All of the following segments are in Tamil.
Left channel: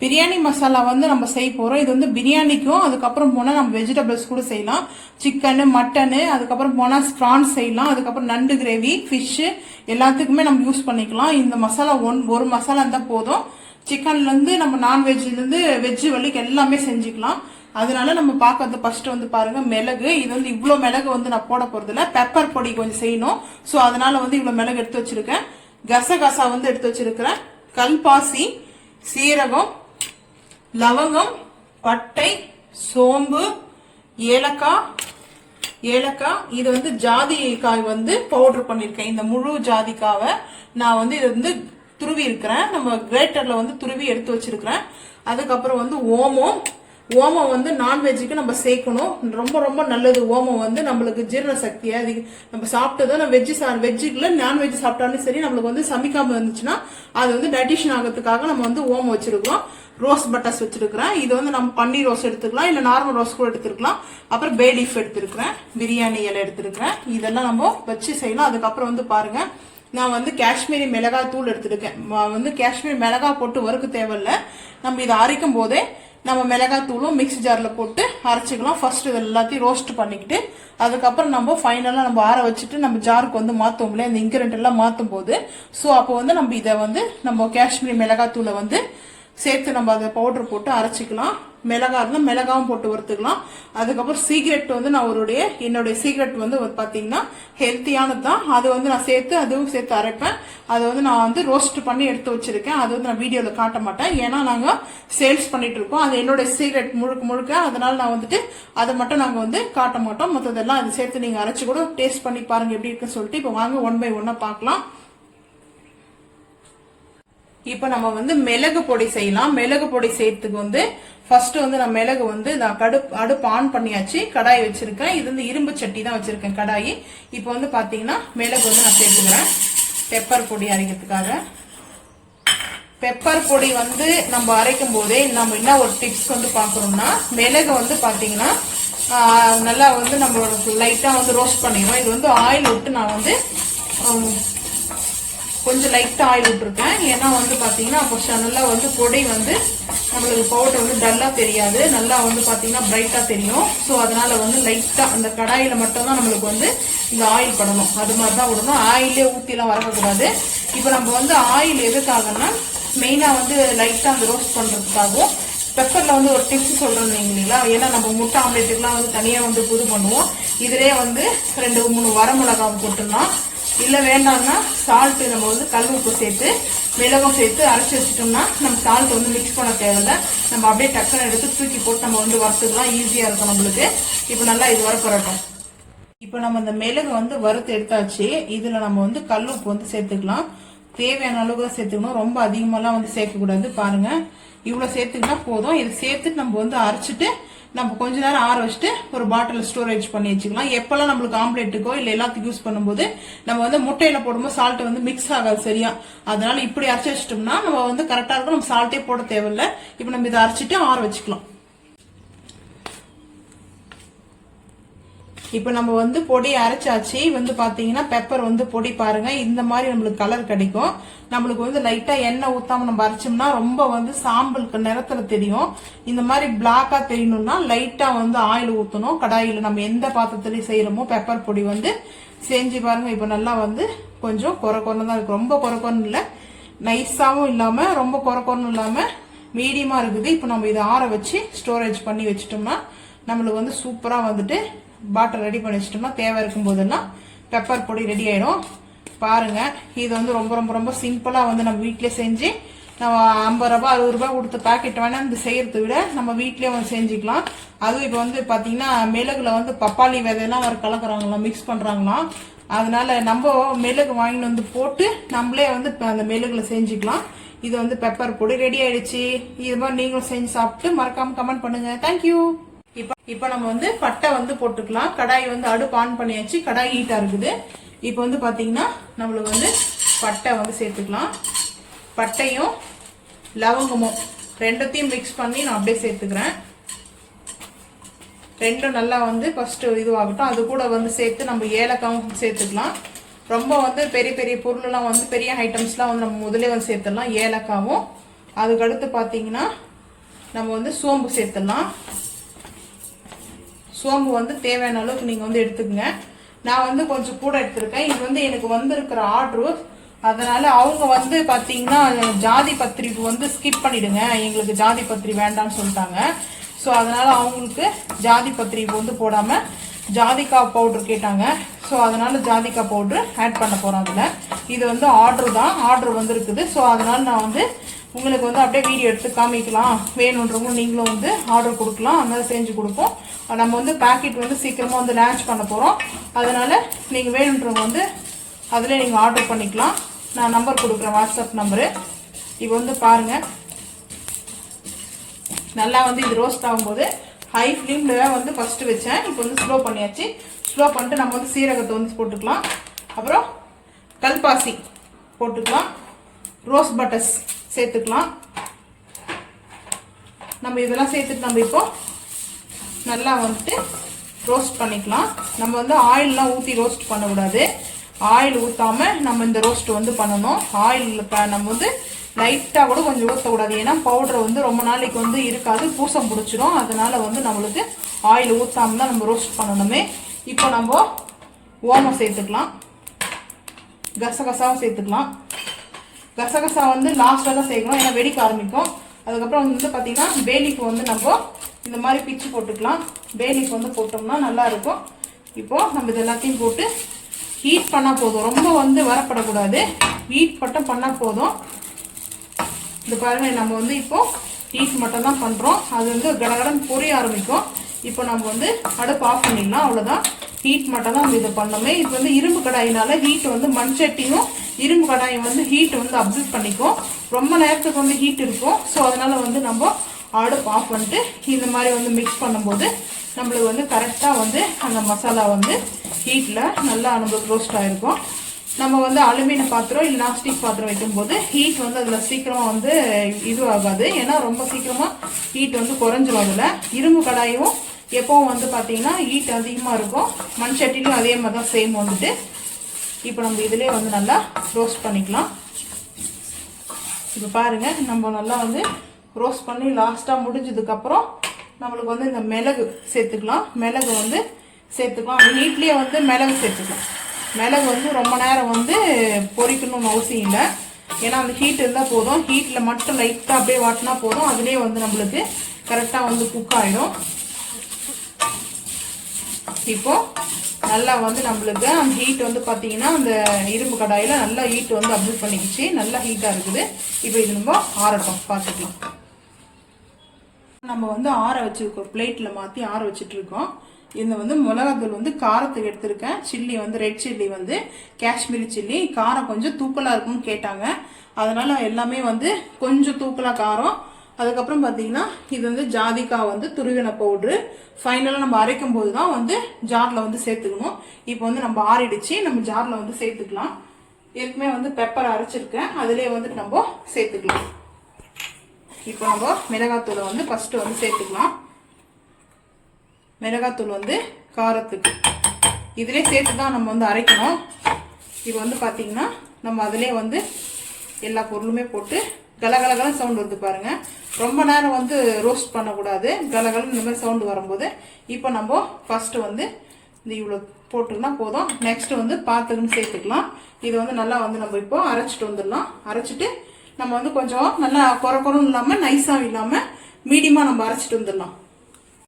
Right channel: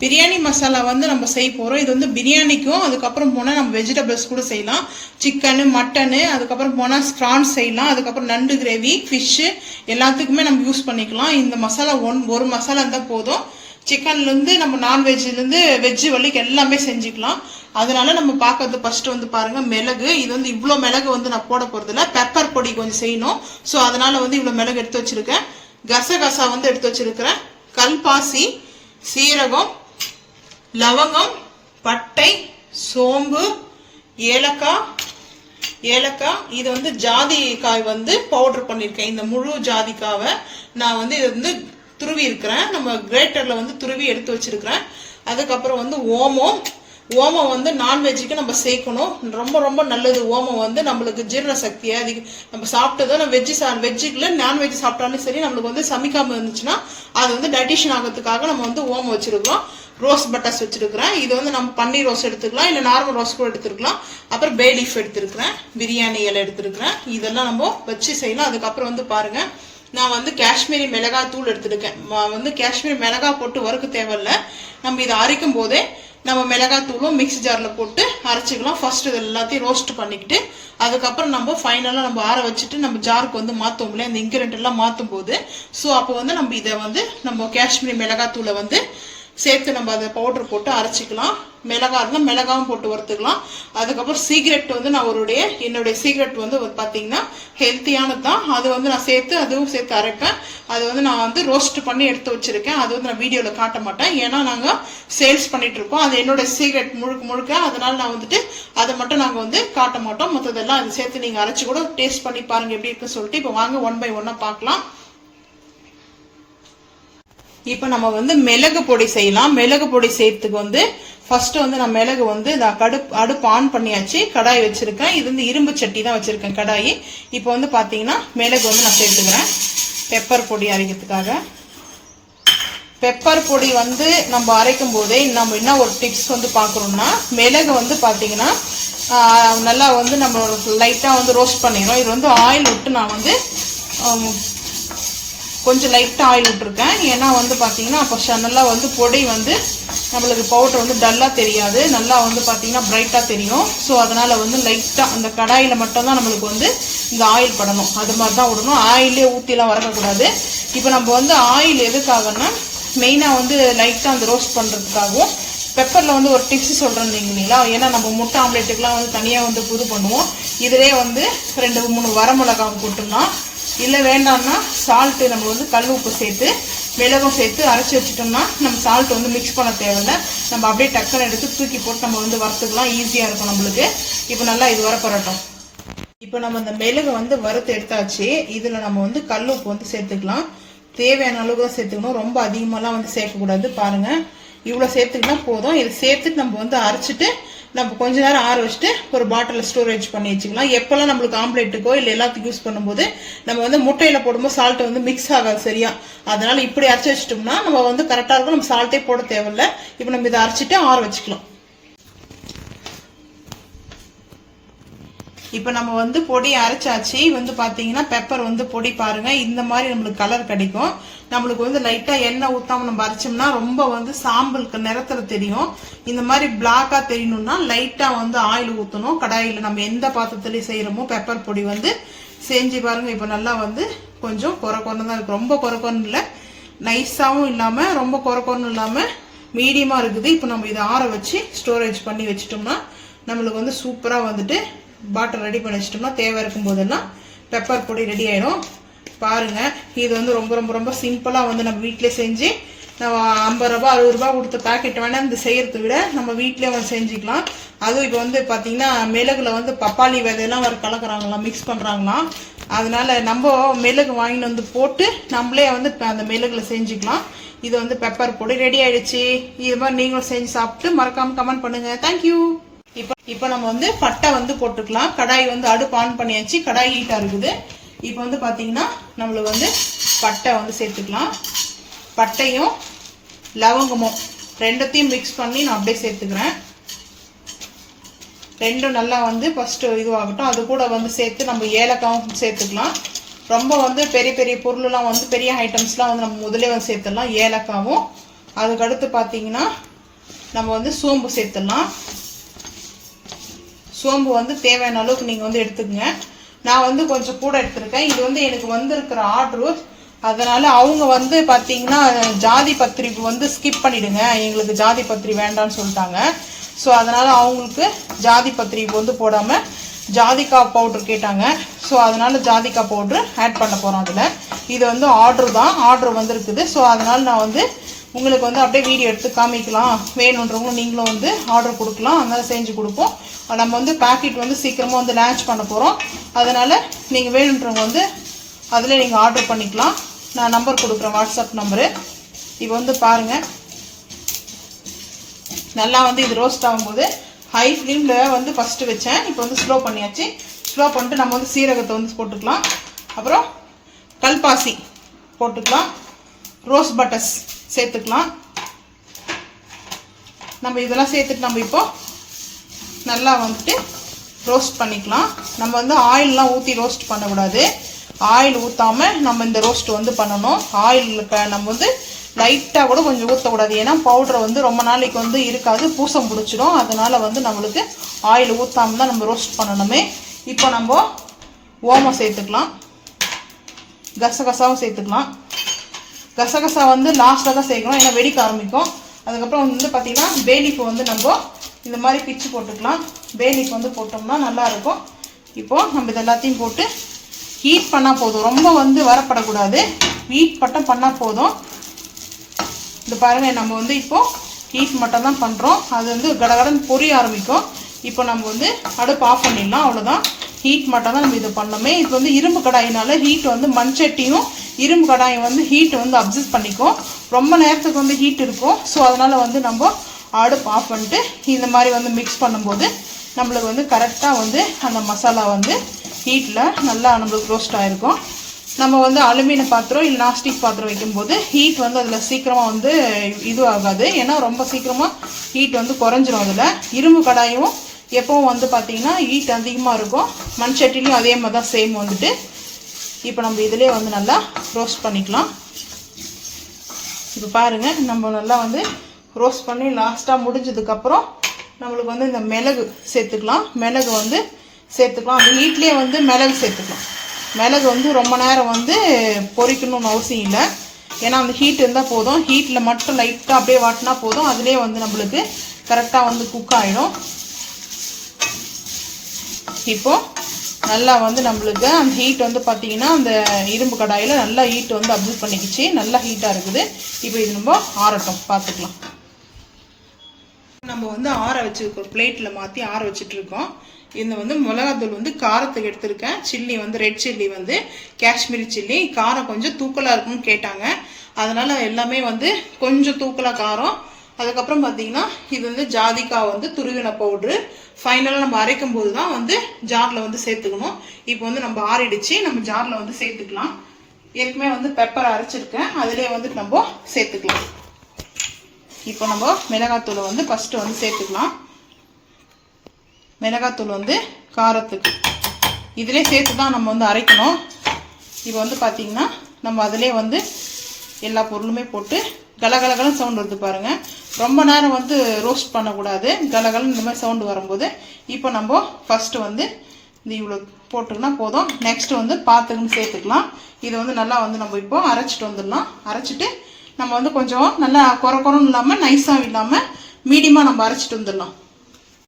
பிரியாணி மசாலா வந்து நம்ம செய்ய போகிறோம். இது வந்து பிரியாணிக்கும் அதுக்கப்புறம் போனால் நம்ம வெஜிடபிள்ஸ் கூட செய்யலாம். சிக்கனு, மட்டனு, அதுக்கப்புறம் போனால் ப்ரான்ஸ் செய்யலாம். அதுக்கப்புறம் நண்டு கிரேவி, ஃபிஷ்ஷு எல்லாத்துக்குமே நம்ம யூஸ் பண்ணிக்கலாம். இந்த மசாலா ஒரு மசாலா இருந்தால் போதும். சிக்கன்லேருந்து நம்ம நான்வெஜ்லேருந்து வெஜ்ஜு வரைக்கும் எல்லாமே செஞ்சுக்கலாம். அதனால நம்ம பார்க்கறது ஃபர்ஸ்ட் வந்து பாருங்க மிளகு. இது வந்து இவ்வளோ மிளகு வந்து நான் போட போகிறதில்ல, பெப்பர் பொடி கொஞ்சம் செய்யணும். ஸோ அதனால வந்து இவ்வளோ மிளகு எடுத்து வச்சிருக்கேன். கசகசா வந்து எடுத்து வச்சிருக்கிறேன். கல்பாசி, சீரகம், லவங்கம், பட்டை, சோம்பு, ஏலக்காய். இது வந்து ஜாதிக்காய் வந்து பவுடர் பண்ணியிருக்கேன். இந்த முழு ஜாதிக்காவை நான் வந்து இது வந்து துருவி இருக்கிறேன். நம்ம கிரேட்டரில் வந்து துருவி எடுத்து வச்சிருக்கிறேன். அதுக்கப்புறம் வந்து ஓமம் வந்து நான்வெஜ்ஜுக்கு நம்ம சேர்க்கணும். ரொம்ப ரொம்ப நல்லது. ஓமம் வந்து நம்மளுக்கு ஜீரண சக்தியை நம்ம சாப்பிட்டதோ நம்ம வெஜ்ஜுக்குள்ள நான்வெஜ் சாப்பிட்டாலும் சரி, நம்மளுக்கு வந்து சமைக்காமல் இருந்துச்சுன்னா அது வந்து டைஜஷன் ஆகிறதுக்காக நம்ம வந்து ஓமம் வச்சிருக்கிறோம். ரோஸ் பட்டர்ஸ் வச்சிருக்கிறேன். இது வந்து நம்ம பன்னீர் ரோஸ் எடுத்துக்கலாம், இல்லை நார்மல் ரோஸ் கூட எடுத்துருக்கலாம். அப்புறம் பே லீஃப் எடுத்துருக்கிறேன், பிரியாணி இலை எடுத்துருக்கிறேன். இதெல்லாம் நம்ம வச்சு செய்யலாம். அதுக்கப்புறம் வந்து பாருங்க, நான் வந்து காஷ்மீரி மிளகாய் தூள் எடுத்துருக்கேன். வந்து காஷ்மீரி மிளகாய் போட்டு வறுக்க தேவையில்ல. நம்ம இதை அரைக்கும் போதே நம்ம மிளகாய் தூளும் மிக்ஸி ஜாரில் போட்டு அரைச்சிக்கலாம். ஃபர்ஸ்ட் இது எல்லாத்தையும் ரோஸ்ட் பண்ணிக்கிட்டு அதுக்கப்புறம் நம்ம ஃபைனலாக நம்ம ஆற வச்சுட்டு நம்ம ஜாருக்கு வந்து மாற்றும் இல்லையா, அந்த இன்கிரியன்ட் எல்லாம் மாற்றும் போது. ஸோ அப்போ வந்து நம்ம இதை வந்து நம்ம காஷ்மீரி மிளகாய் தூளை வந்து சேர்த்து நம்ம அதை பவுடர் போட்டு அரைச்சிக்கலாம். மிளகா இருந்தால் மிளகாவும் போட்டு வறுத்துக்கலாம். அதுக்கப்புறம் சீக்ரெட் வந்து என்னுடைய சீக்ரெட் வந்து பார்த்தீங்கன்னா ஹெல்த்தியானது தான். அது வந்து நான் அதுவும் சேர்த்து அரைப்பேன். அதை வந்து நான் வந்து ரோஸ்ட் பண்ணி எடுத்து வச்சிருக்கேன். அது வந்து நான் வீடியோவில் காட்ட மாட்டேன், ஏன்னா நாங்கள் சேல்ஸ் பண்ணிட்டு இருக்கோம். அது என்னோட சீக்ரெட் முழுக்க. அதனால நான் வந்துட்டு அதை மட்டும் நாங்கள் வந்து காட்ட மாட்டோம். மற்றதெல்லாம் அது சேர்த்து நீங்கள் அரைச்சி கூட டேஸ்ட் பண்ணி பாருங்க எப்படி இருக்குன்னு சொல்லிட்டு. இப்போ வாங்க 1 by 1 பார்க்கலாம். இப்போ நம்ம வந்து மிளகு பொடி செய்யலாம். மிளகு பொடி செய்யறதுக்கு வந்து ஃபர்ஸ்ட் வந்து நான் மிளகு வந்து அடுப்பு ஆன் பண்ணியாச்சு. கடாய் வச்சிருக்கேன். இது வந்து இரும்பு சட்டி தான் வச்சிருக்கேன் கடாயி. இப்போ வந்து பாத்தீங்கன்னா மிளகு வந்து நான் சேர்த்துக்கிறேன் பெப்பர் பொடி அரைக்கிறதுக்காக. பெப்பர் பொடி வந்து நம்ம அரைக்கும் போதே நம்ம என்ன ஒரு டிப்ஸ் வந்து பார்க்கணும்னா, மிளகு வந்து பாத்தீங்கன்னா நல்லா வந்து நம்ம லைட்டா வந்து ரோஸ்ட் பண்ணிக்கணும். இது வந்து ஆயில் விட்டு நான் வந்து கொஞ்சம் லைட்டாக ஆயில் விட்டுருக்கேன். ஏன்னா வந்து பார்த்தீங்கன்னா அப்போ நல்லா வந்து பொடி வந்து நம்மளுக்கு பவுடர் வந்து டல்லாக தெரியாது, நல்லா வந்து பார்த்தீங்கன்னா பிரைட்டாக தெரியும். ஸோ அதனால் வந்து லைட்டாக அந்த கடாயில் மட்டும்தான் நம்மளுக்கு வந்து இந்த ஆயில் படணும். அது மாதிரி தான் விடணும். ஆயிலே ஊற்றிலாம் வரக்கூடாது. இப்போ நம்ம வந்து ஆயில் எதுக்காகன்னா மெயினாக வந்து லைட்டாக அந்த ரோஸ்ட் பண்ணுறதுக்காகவும், பெப்பரில் வந்து ஒரு டிப்ஸ் சொல்கிறேன் இல்லைங்களா, ஏன்னா நம்ம முட்டை ஆம்லேட்டுக்கெலாம் வந்து தனியாக வந்து புது பண்ணுவோம். இதிலே வந்து 2-3 வரமிளகாய் போட்டுடலாம். இல்லை வேண்டாம்னா சால்ட்டு நம்ம வந்து கல் உப்பு சேர்த்து மிளகும் சேர்த்து அரைச்சி வச்சுட்டோம்னா நம்ம சால்ட் வந்து மிக்ஸ் பண்ண தேவையில்லை. நம்ம அப்படியே டக்குன்னு எடுத்து தூக்கி போட்டு நம்ம வந்து வறுத்துக்கலாம். ஈஸியாக இருக்கும் நம்மளுக்கு. இப்போ நல்லா இது வரப்படட்டும். இப்போ நம்ம அந்த மிளகு வந்து வறுத்து எடுத்தாச்சு. இதில் நம்ம வந்து கல் உப்பு வந்து சேர்த்துக்கலாம். தேவையான அளவு தான் சேர்த்துக்கணும். ரொம்ப அதிகமாகலாம் வந்து சேர்க்கக்கூடாது. பாருங்க, இவ்வளோ சேர்த்துக்கினா போதும். இதை சேர்த்துட்டு நம்ம வந்து அரைச்சிட்டு நம்ம கொஞ்ச நேரம் ஆற வச்சுட்டு ஒரு பாட்டில் ஸ்டோரேஜ் பண்ணி வச்சுக்கலாம். எப்பெல்லாம் நம்மளுக்கு ஆம்லேட்டுக்கோ இல்லை எல்லாத்துக்கும் யூஸ் பண்ணும்போது நம்ம வந்து முட்டையில போடும்போது சால்ட் வந்து மிக்ஸ் ஆகாது சரியா. அதனால இப்படி அரைச்சி வச்சிட்டோம்னா நம்ம வந்து கரெக்டாக இருக்கும். நம்ம சால்ட்டே போட தேவையில்லை. இப்போ நம்ம இதை அரைச்சிட்டு ஆற வச்சுக்கலாம். இப்போ நம்ம வந்து பொடி அரைச்சாச்சு. வந்து பாத்தீங்கன்னா பெப்பர் வந்து பொடி பாருங்க இந்த மாதிரி நம்மளுக்கு கலர் கிடைக்கும். நம்மளுக்கு வந்து லைட்டா எண்ணெய் ஊத்தாம நம்ம அரைச்சோம்னா ரொம்ப வந்து சாம்பலுக்கு நிறத்துல தெரியும். இந்த மாதிரி பிளாக்கா தெரியணும்னா லைட்டா வந்து ஆயில் ஊற்றணும். கடாயில நம்ம எந்த பாத்திரத்துலயும் செய்யறோமோ பெப்பர் பொடி வந்து செஞ்சு பாருங்க. இப்போ நல்லா வந்து கொஞ்சம் குறைன்னு தான் இருக்கு. ரொம்ப குறைன்னு இல்லை, நைஸாவும் இல்லாம ரொம்ப குறைன்னு இல்லாம மீடியமா இருக்குது. இப்போ நம்ம இதை ஆற வச்சு ஸ்டோரேஜ் பண்ணி வச்சுட்டோம்னா நம்மளுக்கு வந்து சூப்பரா வந்துட்டு பாட்டில் ரெடி பண்ணி வச்சிட்டோம்னா தேவை இருக்கும் போதெல்லாம் பெப்பர் பொடி ரெடி ஆயிடும். பாருங்க, இது வந்து ரொம்ப ரொம்ப ரொம்ப சிம்பிளா வந்து நம்ம வீட்டிலே செஞ்சு நம்ம 50 ரூபாய் 60 ரூபாய் கொடுத்த பேக்கெட் வேணா இந்த செய்யறதை விட நம்ம வீட்டிலே வந்து செஞ்சுக்கலாம். அதுவும் இப்போ வந்து பாத்தீங்கன்னா மிளகுல வந்து பப்பாளி விதையெல்லாம் வர கலக்குறாங்களாம், மிக்ஸ் பண்றாங்களாம். அதனால நம்ம மிளகு வாங்கிட்டு வந்து போட்டு நம்மளே வந்து அந்த மிளகுல செஞ்சுக்கலாம். இது வந்து பெப்பர் பொடி ரெடி ஆயிடுச்சு. இது மாதிரி நீங்களும் செஞ்சு சாப்பிட்டு மறக்காம கமெண்ட் பண்ணுங்க. தேங்க்யூ. இப்போ நம்ம வந்து பட்டை வந்து போட்டுக்கலாம். கடாய் வந்து அடுப்பு ஆன் பண்ணியாச்சு. கடாய் ஹீட்டா இருக்குது. இப்போ வந்து பாத்தீங்கன்னா நம்மளுக்கு வந்து பட்டை வந்து சேர்த்துக்கலாம். பட்டையும் லவங்கமும் ரெண்டத்தையும் மிக்ஸ் பண்ணி நான் அப்படியே சேர்த்துக்கிறேன். ரெண்டும் நல்லா வந்து ஃபர்ஸ்ட் இதுவாகட்டும். அது கூட வந்து சேர்த்து நம்ம ஏலக்காவும் சேர்த்துக்கலாம். ரொம்ப வந்து பெரிய பெரிய பொருள்லாம் வந்து பெரிய ஐட்டம்ஸ்லாம் வந்து நம்ம முதலே வந்து சேர்த்துடலாம். ஏலக்காவும் அதுக்கடுத்து பார்த்தீங்கன்னா நம்ம வந்து சோம்பு சேர்த்துடலாம். சோம்பு வந்து தேவையான அளவுக்கு நீங்கள் வந்து எடுத்துக்கங்க. நான் வந்து கொஞ்சம் கூட எடுத்துருக்கேன். இது வந்து எனக்கு வந்திருக்கிற ஆர்டரு, அதனால் அவங்க வந்து பார்த்தீங்கன்னா ஜாதி பத்திரி வந்து ஸ்கிப் பண்ணிவிடுங்க, எங்களுக்கு ஜாதி பத்திரி வேண்டான்னு சொல்லிட்டாங்க. ஸோ அதனால் அவங்களுக்கு ஜாதி பத்திரி வந்து போடாமல் ஜாதிக்காய் பவுட்ரு கேட்டாங்க. ஸோ அதனால் ஜாதிக்காய் பவுட்ரு ஆட் பண்ண போகிறோம் அதில். இது வந்து ஆர்டர் தான், ஆர்டர் வந்து இருக்குது. ஸோ அதனால் நான் வந்து உங்களுக்கு வந்து அப்படியே வீடியோ எடுத்து காமிக்கலாம், வேணுன்றவங்க நீங்களும் வந்து ஆர்டர் கொடுக்கலாம், அதனால் செஞ்சு கொடுப்போம். நம்ம வந்து பேக்கெட் வந்து சீக்கிரமாக வந்து லான்ச் பண்ண போகிறோம். அதனால் நீங்கள் வேணுன்றவங்க வந்து அதில் நீங்கள் ஆர்டர் பண்ணிக்கலாம். நான் நம்பர் கொடுக்குறேன், வாட்ஸ்அப் நம்பரு. இப்போ வந்து பாருங்கள், நல்லா வந்து இது ரோஸ்ட் ஆகும்போது ஹை ஃப்ளேமில் வந்து ஃபஸ்ட்டு வச்சேன். இப்போ வந்து ஸ்லோ பண்ணியாச்சு. ஸ்லோ பண்ணிட்டு நம்ம வந்து சீரகத்தை வந்து போட்டுக்கலாம். அப்புறம் கல்பாசி போட்டுக்கலாம். ரோஸ் பட்டர்ஸ் சேர்த்துக்கலாம். நம்ம இதெல்லாம் சேர்த்துட்டு நம்ம இப்போ நல்லா வந்துட்டு ரோஸ்ட் பண்ணிக்கலாம். நம்ம வந்து ஆயிலெலாம் ஊற்றி ரோஸ்ட் பண்ணக்கூடாது. ஆயில் ஊற்றாமல் நம்ம இந்த ரோஸ்ட் வந்து பண்ணணும். ஆயில் நம்ம வந்து லைட்டாக கூட கொஞ்சம் ஊற்றக்கூடாது. ஏன்னா பவுடரை வந்து ரொம்ப நாளைக்கு வந்து இருக்காது, பூசம் பிடிச்சிடும். அதனால் வந்து நம்மளுக்கு ஆயில் ஊற்றாமல் தான் நம்ம ரோஸ்ட் பண்ணணுமே. இப்போ நம்ம ஓமம் சேர்த்துக்கலாம். கசகசாவும் சேர்த்துக்கலாம். கசகசா வந்து லாஸ்ட்டில் தான் சேர்க்கணும், ஏன்னா வெடிக்க ஆரம்பிக்கும். அதுக்கப்புறம் வந்து பார்த்திங்கன்னா பேலீஃப் வந்து நம்ம இந்த மாதிரி பிச்சு போட்டுக்கலாம். பேலீஃப் வந்து போட்டோம்னா நல்லாயிருக்கும். இப்போது நம்ம இது எல்லாத்தையும் போட்டு ஹீட் பண்ணால் போதும், ரொம்ப வந்து வரப்படக்கூடாது, ஹீட் மட்டும் பண்ணால் போதும். இது பாருங்கள், நம்ம வந்து இப்போது ஹீட் மட்டும் தான் பண்ணுறோம். அது வந்து கடகடன் பொரிய ஆரம்பிக்கும். இப்போ நம்ம வந்து அடுப்பு ஆஃப் பண்ணிடலாம், அவ்வளோதான். ஹீட் மட்டும் தான் நம்ம இது பண்ணோமே. இப்போ வந்து இரும்பு கடாயினால ஹீட் வந்து மண்சட்டியும் இரும்பு கடாயை வந்து ஹீட் வந்து அப்சர்வ் பண்ணிக்கும், ரொம்ப நேரத்துக்கு வந்து ஹீட் இருக்கும். ஸோ அதனால் வந்து நம்ம அடுப்பு ஆஃப் பண்ணிட்டு இந்த மாதிரி வந்து மிக்ஸ் பண்ணும்போது நம்மளுக்கு வந்து கரெக்டாக வந்து அந்த மசாலா வந்து ஹீட்டில் நல்லா நம்மளுக்கு ரோஸ்ட் ஆகிருக்கும். நம்ம வந்து அலுமினிய பாத்திரம் இல்லை நாஸ்டிக் பாத்திரம் வைக்கும்போது ஹீட் வந்து அதில் சீக்கிரமாக வந்து இது ஆகாது, ஏன்னா ரொம்ப சீக்கிரமாக ஹீட் வந்து குறைஞ்சிரும். அதில் இரும்பு கடாயும் எப்போவும் வந்து பார்த்திங்கன்னா ஹீட் அதிகமாக இருக்கும். மண் சட்டிலையும் அதே மாதிரி தான் சேம் வந்துட்டு. இப்போ நம்ம இதிலே வந்து நல்லா ரோஸ்ட் பண்ணிக்கலாம். இப்போ பாருங்கள், நம்ம நல்லா வந்து ரோஸ்ட் பண்ணி லாஸ்ட்டாக முடிஞ்சதுக்கப்புறம் நம்மளுக்கு வந்து இந்த மிளகு சேர்த்துக்கலாம். மிளகு வந்து சேர்த்துக்கலாம். அந்த ஹீட்லேயே வந்து மிளகு சேர்த்துக்கலாம். மிளகு வந்து ரொம்ப நேரம் வந்து பொரிக்கணும்னு அவசியம் இல்லை, ஏன்னா அந்த ஹீட் இருந்தால் போதும். ஹீட்டில் மட்டும் லைட்டாக அப்படியே வாட்டினா போதும், அதுலேயே வந்து நம்மளுக்கு கரெக்டாக வந்து குக் ஆகிடும். இப்போது நல்லா வந்து நம்மளுக்கு அந்த ஹீட் வந்து பார்த்திங்கன்னா அந்த இரும்பு கடாயில் நல்லா ஹீட் வந்து அப்சர்வ் பண்ணிக்கிச்சு, நல்லா ஹீட்டாக இருக்குது. இப்போ இது நம்ம ஆறட்டும், பார்த்துக்கலாம். நம்ம வந்து ஆற வச்சுருக்கோம், பிளேட்டில் மாற்றி ஆற வச்சுட்ருக்கோம். இந்த வந்து மிளகாத்தூள் வந்து காரத்துக்கு எடுத்திருக்கேன். சில்லி வந்து ரெட் சில்லி வந்து காஷ்மீரி சில்லி, காரம் கொஞ்சம் தூக்கலாக இருக்குன்னு கேட்டாங்க, அதனால் எல்லாமே வந்து கொஞ்சம் தூக்கலாக காரம். அதுக்கப்புறம் பார்த்தீங்கன்னா இது வந்து ஜாதிக்காய் வந்து துருவின பவுட்ரு. ஃபைனலாக நம்ம அரைக்கும் போது தான் வந்து ஜாரில் வந்து சேர்த்துக்கணும். இப்போ வந்து நம்ம ஆறிடுச்சு, நம்ம ஜாரில் வந்து சேர்த்துக்கலாம். ஏற்கனவே வந்து பெப்பர் அரைச்சிருக்கேன், அதிலே வந்து நம்ம சேர்த்துக்கலாம். இப்போ நம்ம மிளகாத்தூள் வந்து ஃபஸ்ட்டு வந்து சேர்த்துக்கலாம். மிளகாத்தூள் வந்து காரத்துக்கு இதிலே சேர்த்து தான் நம்ம வந்து அரைக்கணும். இப்போ வந்து பார்த்திங்கன்னா நம்ம அதிலே வந்து எல்லா பொருளுமே போட்டு கலகலகலன்னு சவுண்டு வருது பாருங்கள். ரொம்ப நேரம் வந்து ரோஸ்ட் பண்ணக்கூடாது, கலகலன்னு இந்த மாதிரி சவுண்டு வரும்போது இப்போ நம்ம ஃபஸ்ட்டு வந்து இந்த இவ்வளோ போட்டுக்கினா போதும். நெக்ஸ்ட்டு வந்து பார்த்துக்குன்னு சேர்த்துக்கலாம். இது வந்து நல்லா வந்து நம்ம இப்போ அரைச்சிட்டு வந்துடலாம். அரைச்சிட்டு நம்ம வந்து கொஞ்சம் நல்லா குறன்னு இல்லாமல் நைஸாகவும் இல்லாமல் மீடியமாக நம்ம அரைச்சிட்டு வந்துடலாம்.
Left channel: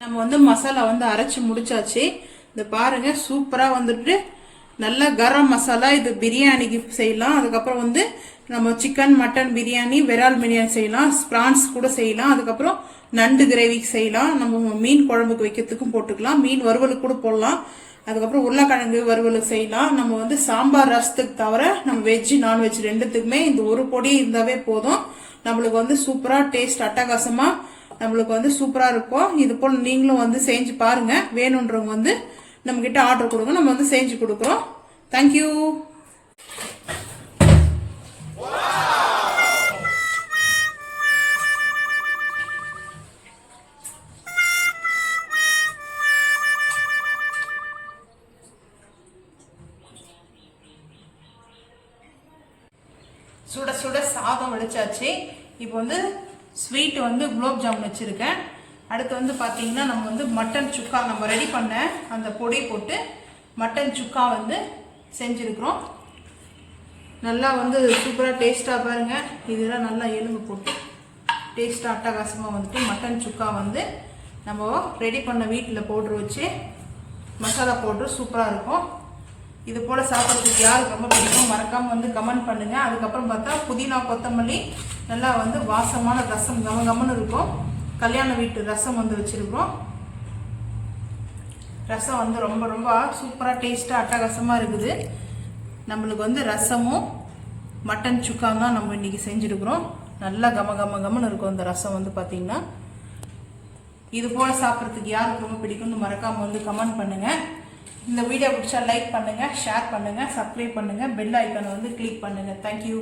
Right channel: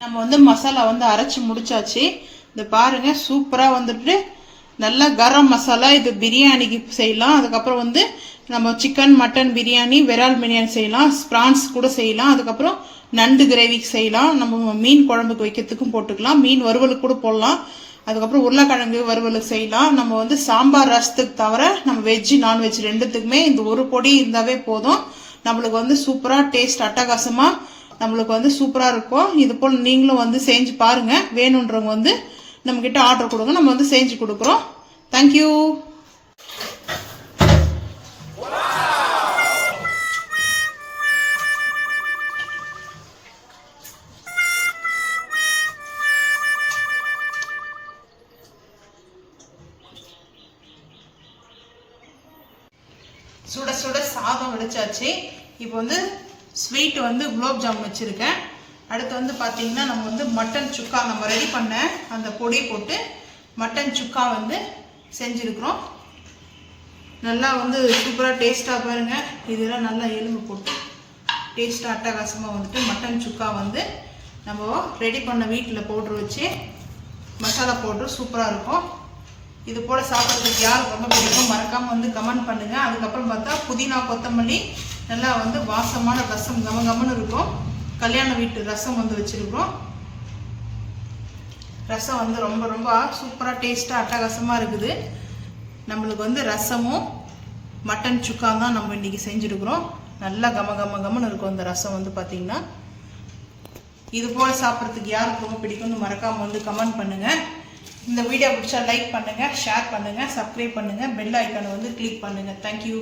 நம்ம வந்து மசாலா வந்து அரைச்சி முடிச்சாச்சு. இந்த பாருங்கள், சூப்பராக வந்துட்டு நல்லா கரம் மசாலா. இது பிரியாணிக்கு செய்யலாம். அதுக்கப்புறம் வந்து நம்ம சிக்கன் மட்டன் பிரியாணி, விரால் பிரியாணி செய்யலாம், ப்ரான்ஸ் கூட செய்யலாம். அதுக்கப்புறம் நண்டு கிரேவிக்கு செய்யலாம். நம்ம மீன் குழம்புக்கு வைக்கிறதுக்கும் போட்டுக்கலாம், மீன் வறுவலுக்கு கூட போடலாம். அதுக்கப்புறம் உருளைக்கிழங்கு வறுவலுக்கு செய்யலாம். நம்ம வந்து சாம்பார் ரசத்துக்கு தவிர நம்ம வெஜ்ஜு நான்வெஜ் ரெண்டுத்துக்குமே இந்த ஒரு பொடி இருந்தாவே போதும். நம்மளுக்கு வந்து சூப்பராக டேஸ்ட் அட்டகாசமாக நம்மளுக்கு வந்து சூப்பராக இருக்கும். இது போல் நீங்களும் வந்து செஞ்சு பாருங்கள். வேணுன்றவங்க வந்து நம்மக்கிட்ட ஆர்டர் கொடுங்க, நம்ம வந்து செஞ்சு கொடுக்குறோம். தேங்க்யூ. சுட சுட சாதம் வடிச்சாச்சு. இப்போ வந்து ஸ்வீட் வந்து குலோப் ஜாமுன் வச்சுருக்கேன். அடுத்து வந்து பார்த்திங்கன்னா நம்ம வந்து மட்டன் சுக்கா நம்ம ரெடி பண்ண அந்த பொடி போட்டு மட்டன் சுக்கா வந்து செஞ்சுருக்குறோம். நல்லா வந்து சூப்பராக டேஸ்ட்டாக பாருங்கள். இதெல்லாம் நல்லா எலும்பு போட்டு டேஸ்ட்டாக அட்டகாசமாக வந்துட்டு மட்டன் சுக்கா வந்து நம்ம ரெடி பண்ண வீட்டில் பவுட்ரு வச்சு மசாலா பவுட்ரு சூப்பராக இருக்கும். இது போல் சாப்பிட்றதுக்கு யாருக்கு ரொம்ப பிடிக்கும் மறக்காமல் வந்து கமெண்ட் பண்ணுங்கள். அதுக்கப்புறம் பார்த்தா புதினா கொத்தமல்லி நல்லா வந்து வாசமான ரசம் கமகமன்னு இருக்கும். கல்யாண வீட்டு ரசம் வந்து வச்சுருக்கிறோம். ரசம் வந்து ரொம்ப ரொம்ப சூப்பராக டேஸ்ட்டாக அட்டகாசமாக இருக்குது. நம்மளுக்கு வந்து ரசமும் மட்டன் சுக்கா தான் நம்ம இன்றைக்கி செஞ்சுருக்குறோம். நல்லா கமன்னு இருக்கும் இந்த ரசம் வந்து பார்த்திங்கன்னா. இது போல் சாப்பிட்றதுக்கு யாருக்கு ரொம்ப பிடிக்கும்னு மறக்காமல் வந்து கமெண்ட் பண்ணுங்கள். இந்த வீடியோ பிடிச்சா லைக் பண்ணுங்கள், ஷேர் பண்ணுங்கள், சப்ஸ்கிரைப் பண்ணுங்கள், பெல் ஐக்கானை வந்து கிளிக் பண்ணுங்கள். தேங்க்யூ.